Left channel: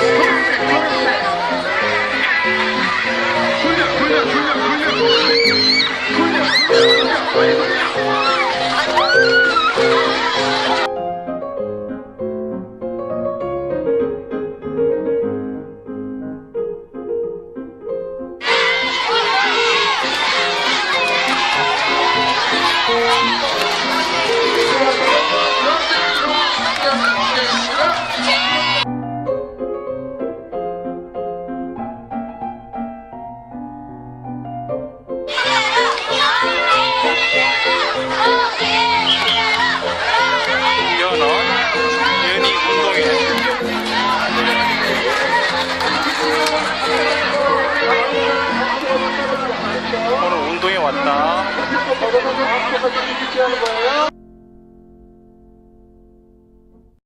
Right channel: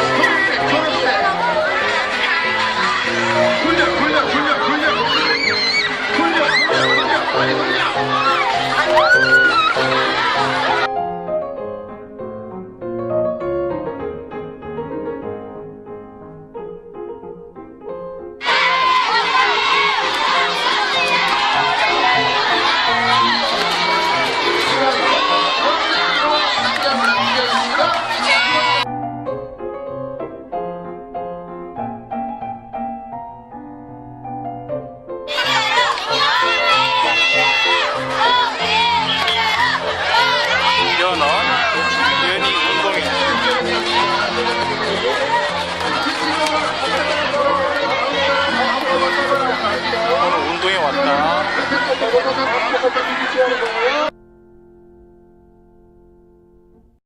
Yeah. 연어 연이 운동회. 오늘 운동회 왔다